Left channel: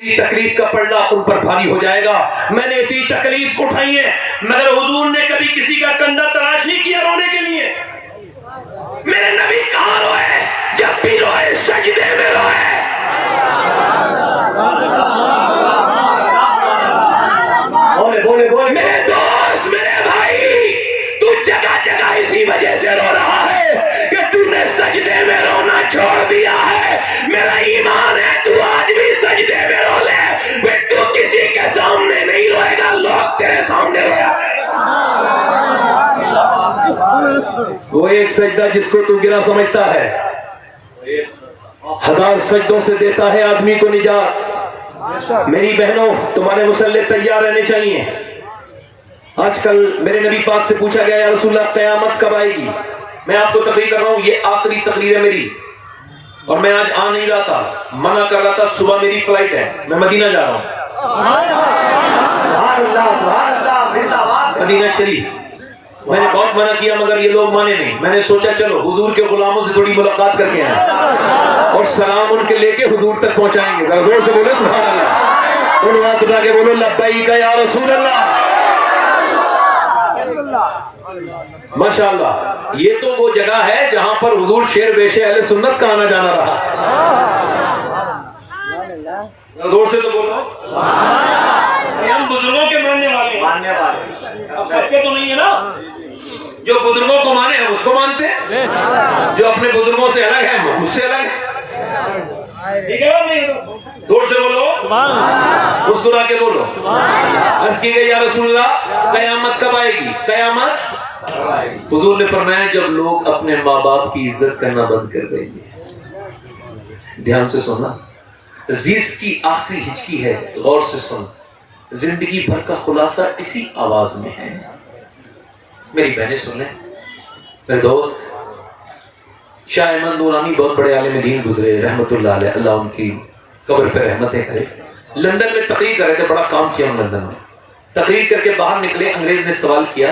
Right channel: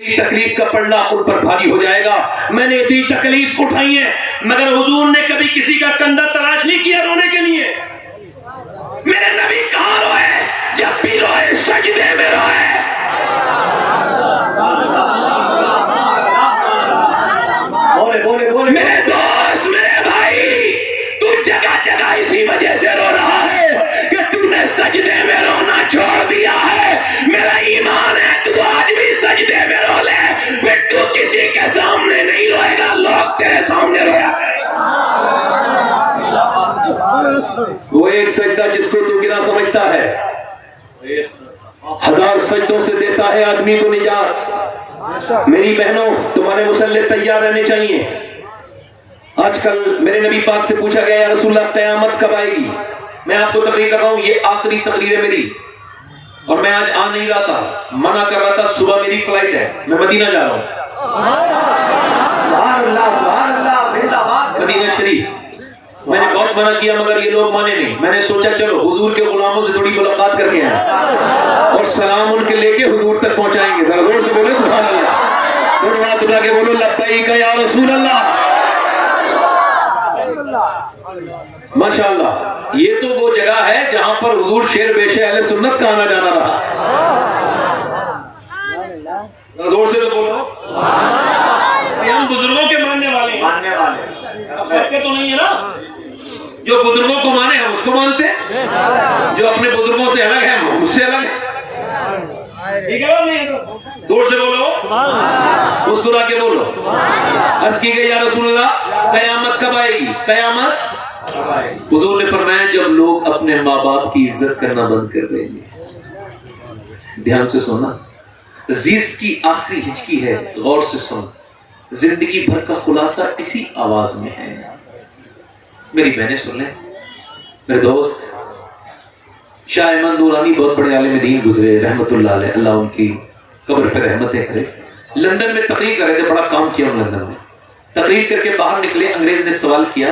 تکلیف کا پڑنا ان پر بھاری ہو جائے گا. میں نے اتنی تکلیف اٹھائی ہے مگر حضور نے کبھی کسی کا کندھا تلاش نہیں کیا رونے کے لیے. میرے نبی کہاں روئے؟ جب بھی روئے سجدے میں روئے. بولے بولے میرے دوست میرے بھائی، تو جگہ جگہ اسی وجہ سے رو رہا ہے کہ تو نے سجدے میں رونا چھوڑ دیا ہے. میرا ایمان ہے تو آج بھی سجدے میں رو لے. تو کسی کے سامنے نہیں روئے گا، لوگ تیرے سامنے رویا کریں. وہ ایک سجدہ جس کو تو گرا سمجھتا ہے 1000 سجدوں سے دیتا ہے آدمی کو نجات. میری بہنوں، تمہارے مسلح تیار رہنے چاہیے. آج کل میرے نبی پاک سے پوچھا گیا یا رسول اللہ قیامت کب آئے گی؟ میں آپ کو تقریر کر رہا ہوں، یہ آخری تقریر ہے میری، اور میں آج آ نہیں رہا تھا، منع کر رہا تھا. صبح میری فلائٹ ہے، میں مدینہ جا رہا ہوں، مدینہ شریف. میں نے بہت منع کیا مگر یہ لوگ مانے نہیں. میں نے سوچا چلو حضور کے غلاموں سے تھوڑی ملاقات کر کے آئیں اور سلام ان کے لے کے حضور تک پہنچائیں گے. ذرا زور سے بولو سبحان اللہ. دونوں ہاتھ اٹھا کے بولو لبیک یا رسول اللہ. ماشاءاللہ. یہ تو وہ جگہ ہے جہاں پر حضور شیر بیش اہل سنت کا آنا جانا رہا. زور سے تو بولو. ہم بزرگوں کے ماننے والے ہیں، اب سب کے تو نہیں ہے نا. جو بزرگوں کو مانے ہم اس کو مانتے ہیں، جو اپنے بزرگوں سے الگ ہے ہم اس سے الگ ہے. ٹھیک ہے نا؟ زور سے بولو، مسکرا کے بولو. عرض کی گئی یا رسول اللہ قیامت کب آئے گی؟ قیامت حضور نے فرمایا جب لوگ اپنے ماں باپ کی عزت کرنا بند کر دیں گے. دھیان سے سونا، عزیز کی آخری ہچکی ہے، غور سے سن. زندگی بھر کا خلاصہ اسی آواز میں ہے. میری بہنیں سن لیں. میرے دوست شاہ احمد نورانی بہت بڑے عالم دین گزرے رحمت اللہ علیہ، اللہ ان کی قبر پہ رحمتیں کرے. لندن میں تقریر کر رہے تھے، بڑا کام کیا لندن میں. تقریر کر کے باہر نکلے، انگریز نے سوال کیا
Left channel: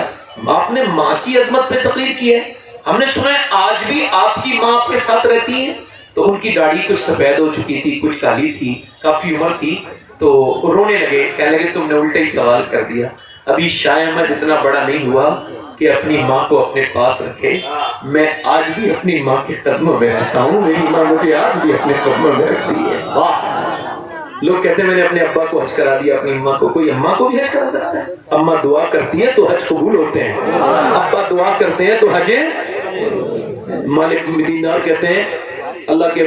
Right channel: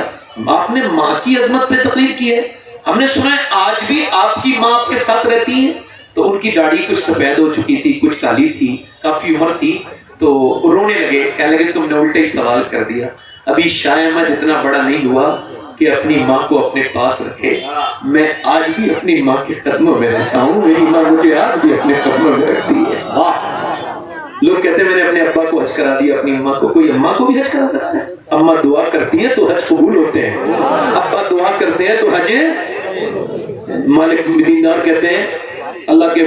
آپ نے ماں کی عظمت پہ تقریر کی ہے، ہم نے سنا ہے آج بھی آپ کی ماں آپ کے ساتھ رہتی ہیں. تو ان کی داڑھی کچھ سفید ہو چکی تھی، کچھ کالی تھی، کافی عمر تھی. تو رونے لگے، کہنے لگے تم نے الٹا ہی سوال کر دیا. ابھی شاہ احمد اتنا بڑا نہیں ہوا کہ اپنی ماں کو اپنے پاس رکھے. میں آج بھی اپنی ماں کے قدموں میں رہتا ہوں، میری ماں مجھے آج بھی اپنے قدموں میں رکھتی ہے. لوگ کہتے ہیں میں نے اپنے ابا کو حج کرا دیا، اپنی اماں کو. کوئی اماں کو بھی حج کرا سکتا ہے؟ اماں دعا کرتی ہے تو حج قبول ہوتے ہیں، ابا دعا کرتے ہیں تو حج. مالک بن دینار کہتے ہیں اللہ کے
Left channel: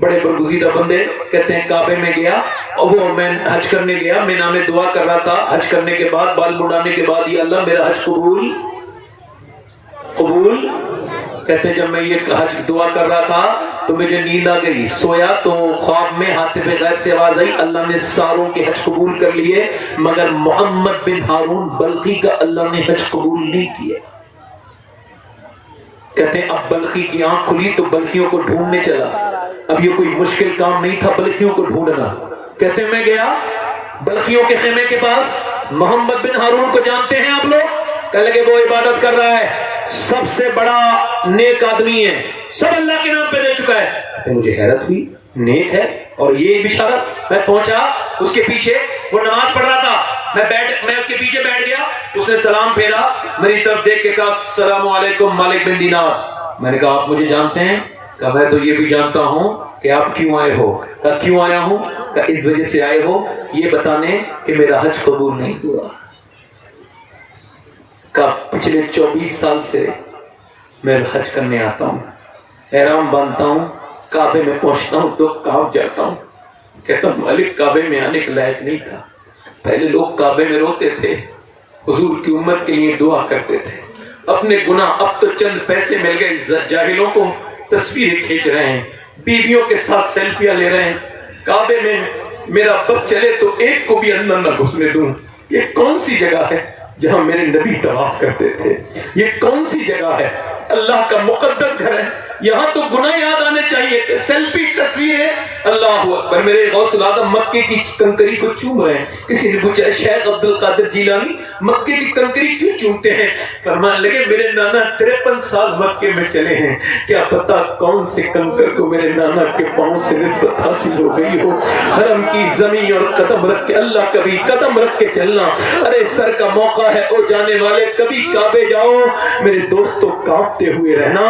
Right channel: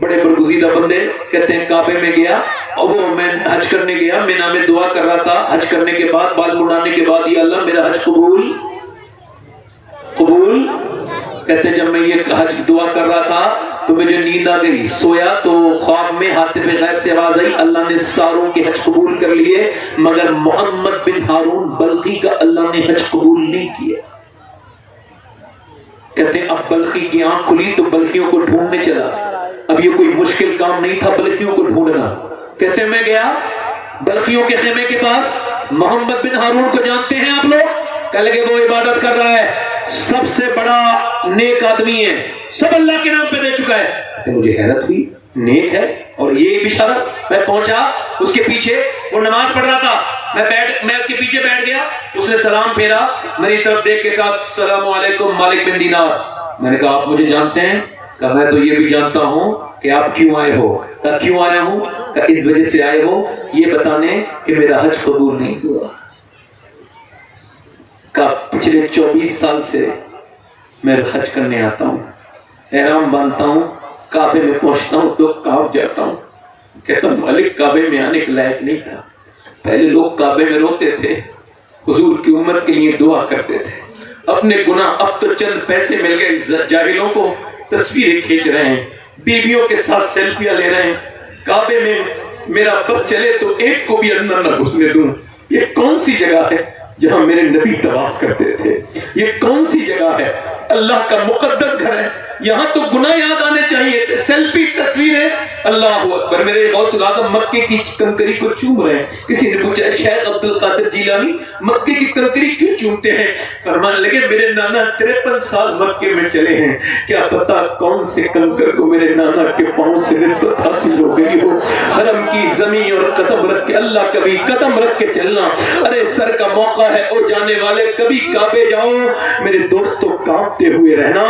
بڑے برگزیدہ بندے، کہتے ہیں کعبے میں گیا، وہ میں حج کرنے گیا، مینا میں دعا کر رہا تھا. حج کرنے کے بعد بال مڑانے کے بعد یہ اللہ میرا حج قبول قبول. کہتے ہیں جب میں یہ حج دعا کر رہا تھا تو مجھے نیند آ گئی، سویا تو خواب میں حاتب غیب سے آواز آئی اللہ نے ساروں کے حج قبول کر لیے مگر محمد بن ہارون بلخی کا اللہ نے حج قبول نہیں کیا. کہتے ہیں اب بلخی کی آنکھ کھلی تو بلخیوں کو ڈھونڈنے چلا. اب یہ کوئی مشکل کام نہیں تھا بلخیوں کو ڈھونڈنا. کہتے ہیں میں گیا بلخیوں کے خیمے کے پاس. محمد بن ہارون کو جانتے ہیں آپ لوگ؟ کہنے لگے وہ عبادت کر رہا ہے، سب سے بڑا نیک آدمی ہے، سب اللہ کے نام پہ دے چکا ہے. مجھے حیرت ہوئی، نیک ہے اور یہ بشارت. میں پہنچا اس کے پیچھے، وہ نماز پڑھ رہا تھا، میں اس کے پیچھے بیٹھ گیا. اس نے سلام پھیرا، میری طرف دیکھ کے کہا السلام علیکم مالک بن دینار. میں نے کہا آپ مجھے جانتے ہیں؟ کہا میں تو یہ بھی جانتا ہوں کہ آپ کیوں آئے ہو. کہا کیوں آیا ہوں؟ کہا اس وجہ سے آئے ہو یہ بتانے کہ میرا حج قبول نہیں ہوا. کہا پچھلے 24 سال سے میں حج کرنے آتا ہوں، احرام باندھتا ہوں، کعبے میں پہنچتا ہوں تو کانپ جاتا ہوں. کہتا ہوں مالک کعبے میں آنے کے لائق نہیں تھا. پہلے لوگ کعبے میں روتے تھے، حضور کی امت کے لیے دعا کرتے تھے. اپنے گناہ اب تو چند پیسے مل گئے، جاہلوں کو تصویریں کھینچ رہے ہیں، بیویوں کے ساتھ سیلفیاں لے رہے ہیں. کعبے میں میرا بس چلے تو ایک کو بھی اندر نہ گھسنے دوں. یہ کون سی جگہ ہے جہاں میرے نبی طواف کرتے تھے؟ یہ کون سی جگہ ہے؟ اللہ کا مقدس گھر ہے. یہاں تو گناہ یاد آنے چاہیے تھے، سیلفی تصویریں. اللہ اکبر. میرے غوث العظم مکے کی کنکری کو چوم رہے ہیں. کسی نے پوچھا شیخ عبد القادر جیلانی مکے کی کنکری کیوں چومتے ہیں؟ فرمان لگے میرے نانا 53 سال مکے میں چلے ہیں، کیا پتا کون سے کنکر کو میرے نانا کے پاؤں سے نسبت حاصل ہو گئی ہو. حرم کی زمین اور قدم رکھ کے، اللہ کبھی قدم رکھ کے چلنا. ارے سر کا موقع ہے او جانے والے، کبھی کعبے جاؤ میرے دوستوں، کانپتے ہوئے رہنا.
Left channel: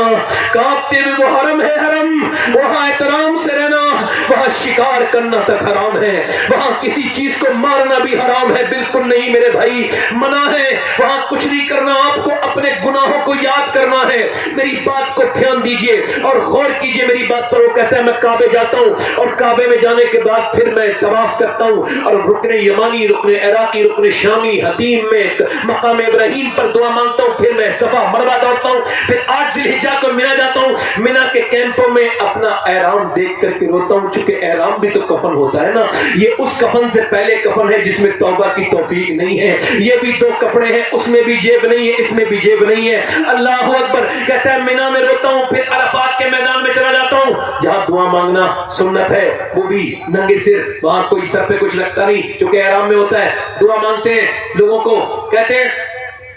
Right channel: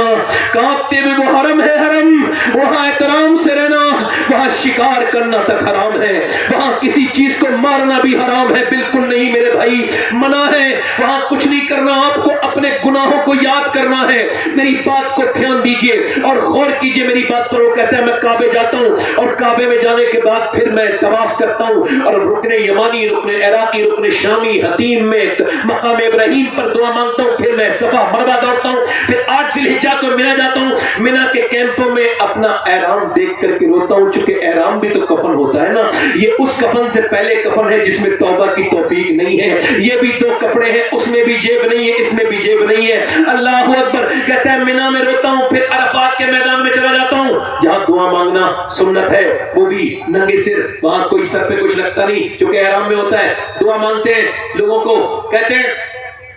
کانپتے ہوئے وہ حرم ہے، حرم وہاں احترام سے رہنا. وہاں شکار کرنا تک حرام ہے، وہاں کسی چیز کو مارنا بھی حرام ہے. بالکل نہیں میرے بھائی، منع ہے. وہاں کچھ نہیں کرنا، آپ کو اپنے گناہوں کو یاد کرنا ہے. میری بات کو دھیان دیجئے اور غور کیجئے میری بات پر. وہ کہتے ہیں میں کعبے جاتا ہوں اور کعبے میں جانے کے بعد پھر میں طواف کرتا ہوں اور رکن یمانی، رکن عراقی، رکن شامی، حتیم میں مقام ابراہیم پر دعا مانگتا ہوں. پھر میں صفا مروا دوڑتا ہوں. پھر 8 ذی الحجہ کو مینا جاتا ہوں. مینا کے کیمپوں میں اپنا احرام دیکھ کر کے روتا ہوں، چونکہ احرام بھی تو کفن ہوتا ہے نا. یہ اس کفن سے پہلے کفن ہے جس میں توبہ کی توفیق نہیں ہے. یہ بھی 2 کپڑے ہیں، اس میں بھی جیب نہیں ہے، اس میں بھی جیب نہیں ہے. اللہ اکبر. کہتا ہے مینا میں روتا ہوں، پھر عرفات کے میدان میں چلا جاتا ہوں جہاں دعا مانگنا سنت ہے، وہ بھی ننگے سر. وہاں کوئی سر پہ کچھ لگتا نہیں چونکہ احرام میں ہوتا ہے. دعا مانگتے ہیں لوگوں کو، کہتے ہیں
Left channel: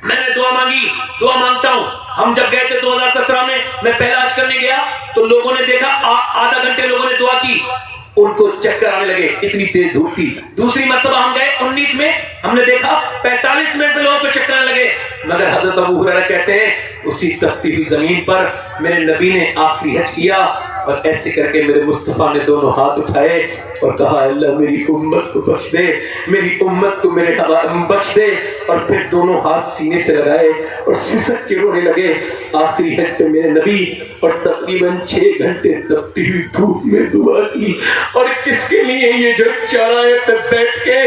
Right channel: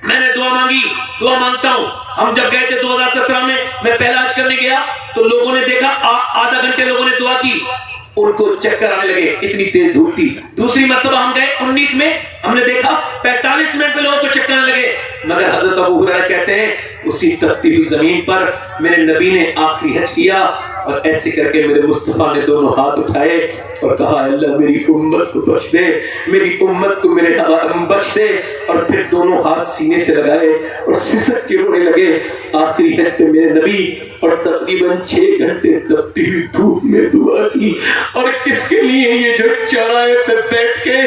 میں نے دعا مانگی، دعا مانگتا ہوں. ہم جب گئے تھے 2017 میں پہلا حج کرنے گیا تو لوگوں نے دیکھا آدھا گھنٹے لوگوں نے دعا کی، ان کو چکر آنے لگے، اتنی تیز دھوپ تھی. دوسری مرتبہ ہم گئے 19 میں، ہم نے دیکھا 45 منٹ میں لوگوں کو چکر آنے لگے. مگر حضرت ابو ہریرہ کہتے ہیں اسی تپتی ہوئی زمین پر میرے نبی نے آخری حج کیا اور ایسے کر کے میرے مصطفیٰ نے دونوں ہاتھ اٹھائے اور کہا اللہ میری امت کو بخش دے، میری امت کو میرے بخش دے. اور پھر دونوں ہاتھ سینے سے لگائے اور سسک کے رونے لگے. آخری حج پہ میرے نبی اور تقریباً 6 گھنٹے تپتی ہوئی دھوپ میں دعا کی. اور کس کے لیے؟ یہ جو چوراہے پہ بیٹھ کے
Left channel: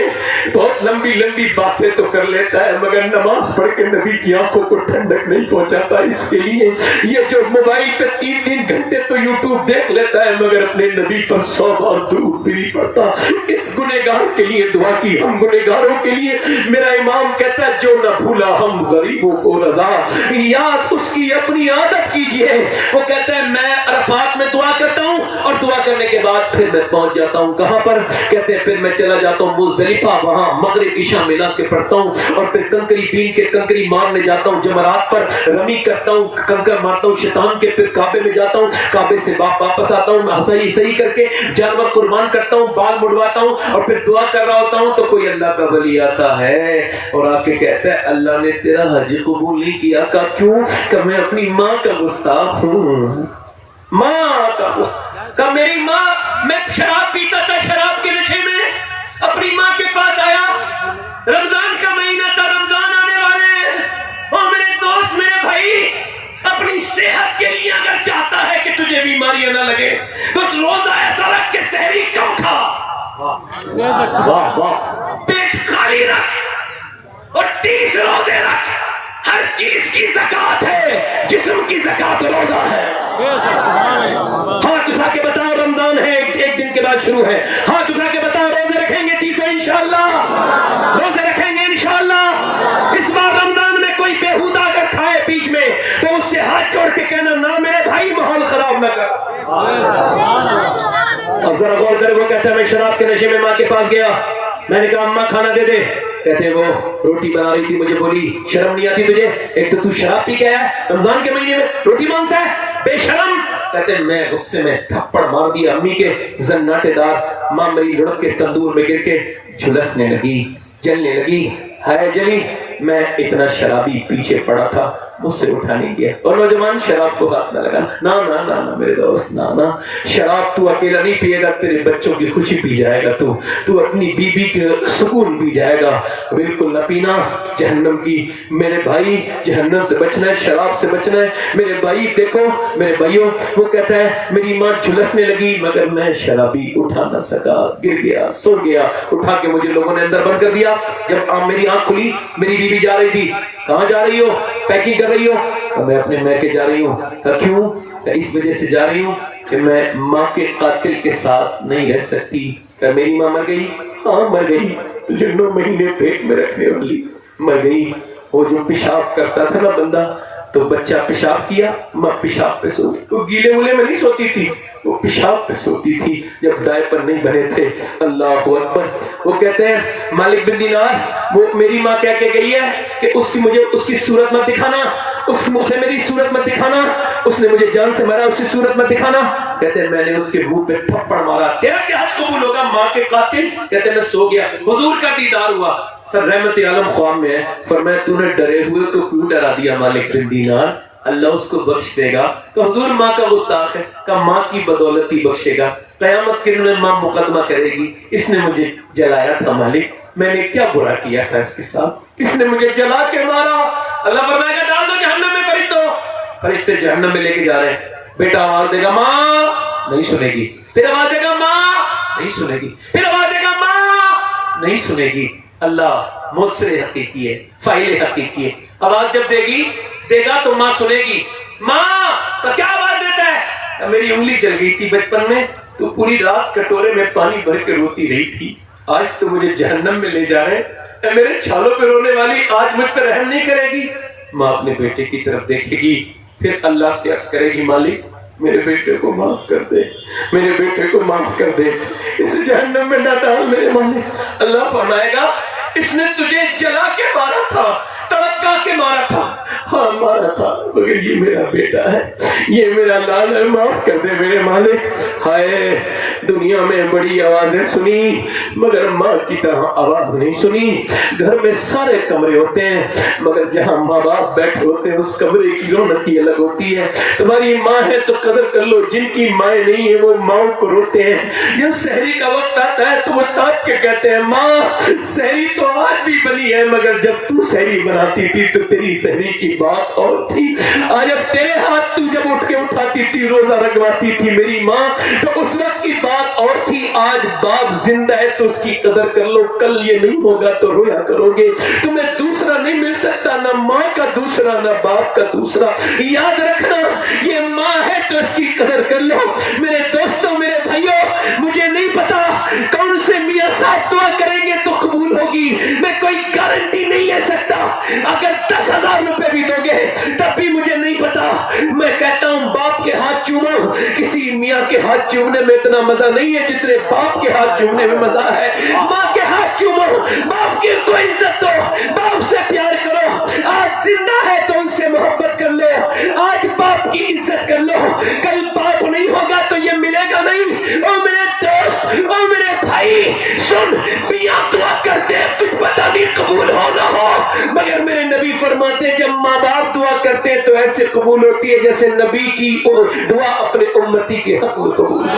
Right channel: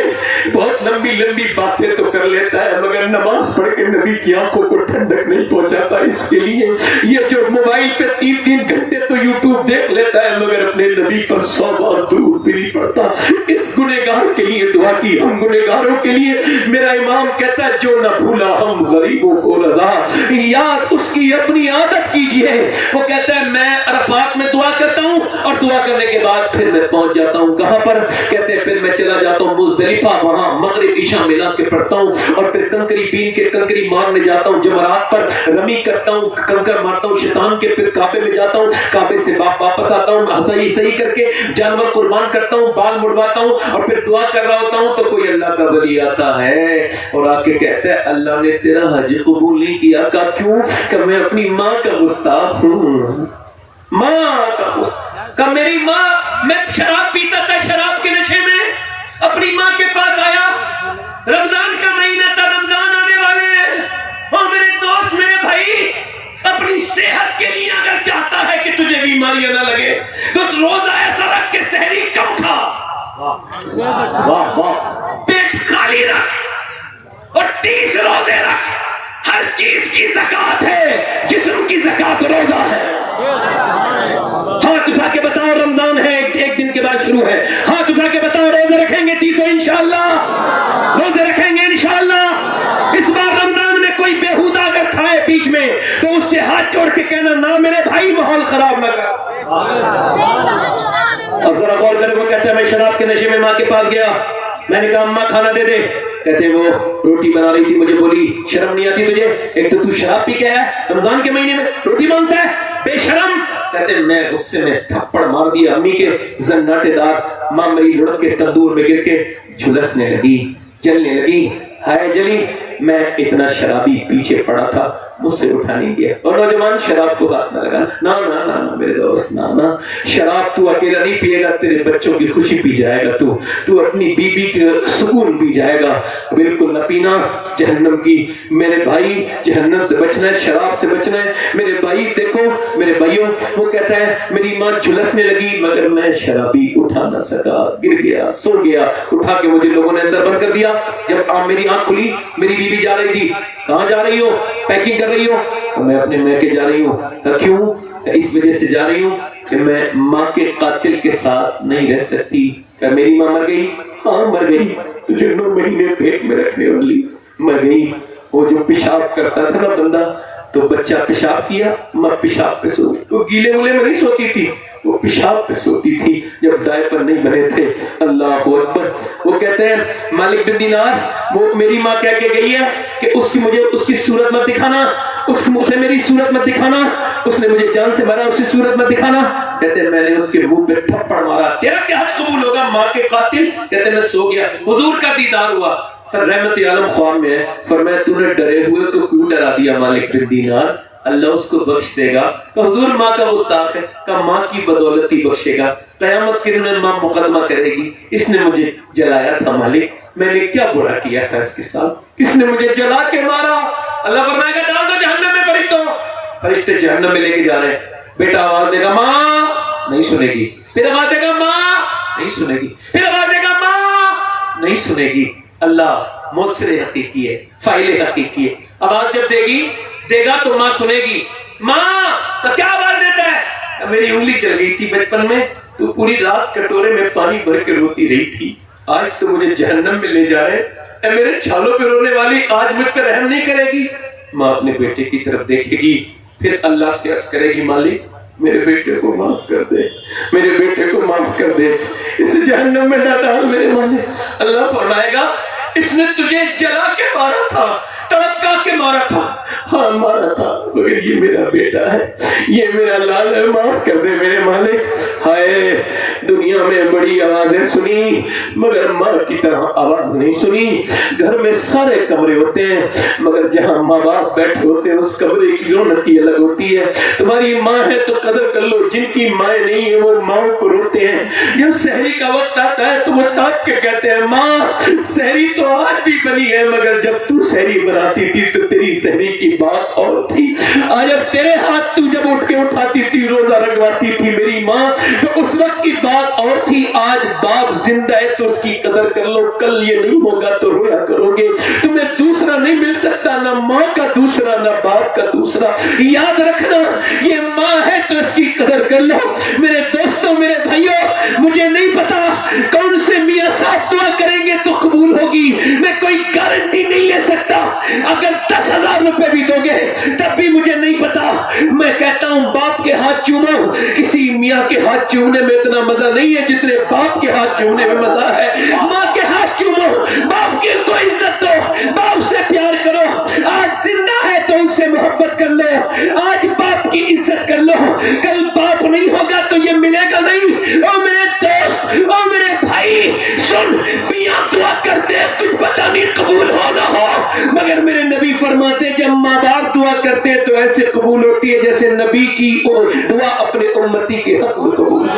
بہت لمبی لمبی باتیں تو کر لیتا ہے مگر نماز پڑھ کے نبی کی آنکھوں کو ٹھنڈک نہیں پہنچاتا. اس کے لیے یہ جو موبائل پہ 3 گھنٹے تو یوٹیوب دیکھ لیتا ہے مگر اپنے نبی پر 100 بار درود بھی نہیں پڑتا. اس گنہگار کے لیے دعا کی. ہم گنہگاروں کے لیے میرا امام کہتا ہے جو نہ بھولا ہم غریبوں کو رضا، یاد اس کی اپنی عادت کیجئے. وہ کہتا ہے میں عرفات میں دعا کرتا ہوں اور دعا کرنے کے بعد پھر میں پہنچ جاتا ہوں کہاں پر؟ کہتے ہیں پھر میں چلا جاتا ہوں مزدلفہ، وہاں مغرب عشاء ملا کے پڑھتا ہوں اور پھر کنکری بین کے کنکری مارنے جاتا ہوں، جمرات پر رمی کرتا ہوں، کنکر مارتا ہوں شیطان کے. پھر کعبے میں جاتا ہوں، کعبے سے واپس آتا ہوں، صحیح کر کے جانور قربان کرتا ہوں، بال مڑواتا ہوں اور پھر دعا کر رہا ہوتا ہوں تو کوئی اللہ کا ولی آتا ہے اور آ کے کہتا ہے اللہ نے تیرا حج قبول نہیں کیا. کہا کیوں؟ کہ میں اپنی ماں کا گستاخ ہوں. ماں کا گستاخ. کہ میری ماں، میں شراب پیتا تھا، شراب کے نشے میں اپنی ماں کے پاس آیا. رمضان کا مہینہ تھا، رمضان آنے والے ہیں اور میرے دوست، میرے بھائی، اپنی صحت کے لیے اگر چاہتا ہے کہ تجھے بیماریاں نہ لگے تو روزہ ایسا رکھ کے سحری کم کھا، پیٹ خالی رکھ اور 30 روزے رکھ. ہر چیز کی زکات ہے، جسم کی زکات روزہ ہے. ہاتھ اٹھا کے بتاؤ رمضان ہے، ایک دن کے بعد شروع ہے. ہاتھ اٹھا کے بتاؤ روزے رکھیں گے 300 انشاءاللہ، روزے رکھیں گے انشاءاللہ. اس بار رمضان میں کوئی بیہودہ اگر کھائے بیچ میں تو اس سے ہاتھ جوڑ کے کہنا نہ میرے بھائی ماحول خراب نہ کر. اور ذرا غور کرے، وہ کہتا ہے میں شراب کے نشے میں ماں کے پاس گیا، میں نے کہا اماں کھانا دے دے. کہتے ہیں وہ روٹی بنا رہی تھی، مجھے بولی شرم نہیں آتی تجھے؟ ایک تو شراب پی کے ہے، رمضان کے مہینے میں روٹی مانگتا ہے، بے شرم. کہتے ہیں میں اس سے میں تھپڑ مار دیا امی کے زناٹے دار. ماں میری لڑک کے تندور میں گر کے جھلسنے لگی، جلنے لگی. ہائے جلی، میں اتنا شرابی پیچھے پڑا تھا، مجھ سے اٹھا نہیں گیا. اور نوجوان شراب کو ہاتھ نہ لگانا. نہ نہ نہ میرے دوست، نہ نہ، شراب تو اکیلا نہیں پیے گا، تیرے بچوں کی خوشی پی جائے گا، تو اپنی بیوی کے سکون پی جائے گا. بالکل نہ پینا، جہنم کی. میرے بھائی جہنم سے بچنا ہے، شراب سے بچنا ہے. میرے بھائی دیکھو میرے بھائیوں، وہ کہتا ہے میری ماں جھلسنے لگی مگر میں شرابی اٹھا نہ سکا، گر گیا، سو گیا. اٹھا کے مجھے لوگوں نے اندر بند کر دیا. جب میری آنکھ کھلی میری بیوی جا رہی تھی. کہاں جا رہی ہو؟ پیکنگ کر رہی ہو؟ میں اپنے میکے جا رہی ہوں. کہا کیوں؟ اس وجہ سے جا رہی ہوں کہ میں ماں کے قاتل کے ساتھ نہیں رہ سکتی. کہ میری ماں مر گئی؟ ہاں مر گئی، تجھے 9 مہینے پیٹ میں رکھنے والی مر گئی. وہ جو پیشاب کرتا تھا نا بندہ، تو بچہ پیشاب کیا، ماں پیشاب پہ سو گئی. وہ گیلے مولے میں نہیں سوتی تھی، وہ پیشاب پہ سوتی تھی جب ڈائپر نہیں بنے تھے. اللہ اکبر. وہ کہتے ہیں مالک بن دینار، وہ میری ماں کہہ کے گئی ہے کہ مجھے اس کی صورت مت دکھانا، اسے میری صورت مت دکھانا، اس نے مجھے جان سے مارا، اس کی صورت مت دکھانا. کہتے ہیں میں نے اس کے منہ پہ تھپڑ مارا. تیرا کیا حج قبول ہوگا ماں کے قاتل؟ کہتے ہیں میں سو گیا، حضور کا دیدار ہوا. سر رحمت عالم خوان میں ہے، فرمایا تو نے ڈرے ہوئے تو کیوں ڈرا دیا مالک بن دینار؟ اللہ اس کو بخش دے گا. تو حضور ماں کا گستاخ ہے، کہ ماں کی بدولت ہی بخشے گا. قیامت کے دن ماں مقدمہ کرے گی، اس نے مجھے جلایا تھا مالک، میں نے کیا برا کیا تھا اس کے ساتھ، کس نے مجھے جلا کے مارا؟ اللہ فرمائے گا ڈال دو جہنم میں فرشتوں. فرشتے جہنم میں لے کے جا رہے ہیں. بیٹا آواز دے گا ماں، نہیں سنے گی. پھر آواز دے گا ماں، نہیں سنے گی. پھر آواز دے گا ماں، نہیں سنے گی. اللہ مؤثر حقیقی ہے، فاعل حقیقی ہے. آواز جب دے گا تو ماں سنے گی. ماں تو کیا آواز دیتا ہے؟ میری انگلی چل گئی تھی بچپن میں، تو پوری رات کٹورے میں پانی بھر کے روتی رہی تھی، آج تو مجھے جہنم میں لے جا رہے. اے میرے چھالوں پہ رونے والی، آج مجھ پہ رحم نہیں کرے گی؟ ماں اپنے بیٹے کی طرف دیکھے گی، پھر اللہ سے عرض کرے گی مالک میرے بیٹے کو معاف کر دے، میرے بیٹے کو معاف کر دے، اسے جہنم میں نہ ڈال میرے مالک. اللہ فرمائے گا اس نے تجھے جلا کے مارا تھا، تڑپا کے مارا تھا، ہاں مارا تھا، مگر یہ میرا بیٹا ہے، یہ میرا لال ہے، معاف کر دے میرے مالک. ہائے دنیا میں بڑی آوازیں سنی مگر ماں کی طرح آواز نہیں سنی. گھر میں سارے کمرے ہوتے ہیں مگر جہاں ماں باپ بیٹھے ہوتے ہیں اس کمرے کی رونق کی الگ ہوتی ہے. تمہاری ماں ہے تو قدر کر لو، جن کی مائیں نہیں ہیں وہ ماں کو روتے ہیں. جب سحری کا وقت آتا ہے تو وہ تاپ کے کہتے ہیں ماں سحری تو آج بھی بنی ہے، مگر جب تو سحری بناتی تھی تو تیری سحری کی بات اور تھی. آج اب تیرے ہاتھ تو جب اٹھ کے اٹھاتی تھی، روزہ رکھواتی تھی میری ماں، تو اس وقت کی بات اور تھی. آج باپ زندہ ہے تو اس کی قدر کر لو، کل یہ نہیں ہوگا تو رویا کرو گے. تمہیں دوسرا نہیں مل سکتا، نہ ماں کا دوسرا نہ باپ کا دوسرا. یاد رکھنا یہ ماں ہے تو اس کی قدر کر لو. میرے دوستوں میرے بھائیوں، مجھے نہیں پتا کون سے میاں صاحب دعا کریں گے تو قبول ہوگی، میں کوئی گارنٹی نہیں لے سکتا. اگر 10,000 روپے بھی دو گے تب بھی مجھے نہیں پتا. میں کہتا ہوں باپ کے ہاتھ چومو، کسی میاں کے ہاتھ چومنے میں اتنا مزہ نہیں ہے جتنے باپ کے ہاتھ چومنے میں مزہ ہے. ماں کے ہاتھ چومو، باپ کی کو عزت دو، باپ سے پیار کرو. آج زندہ ہے تو اس سے محبت کر لو، آج باپ کی عزت کر لو. کل باپ نہیں ہوگا تو یہ ملے گا نہیں. او میرے دوست، او میرے بھائی سن، میاں دعا کرتے ہیں تجھ پتہ نہیں قبول ہو نہ ہو، مگر میرے نبی فرماتے جب ماں باپ دعا کرتے ہیں تو ایسے قبول ہوتی ہے جیسے نبی کی دعا اپنے امتی کے حق میں قبول.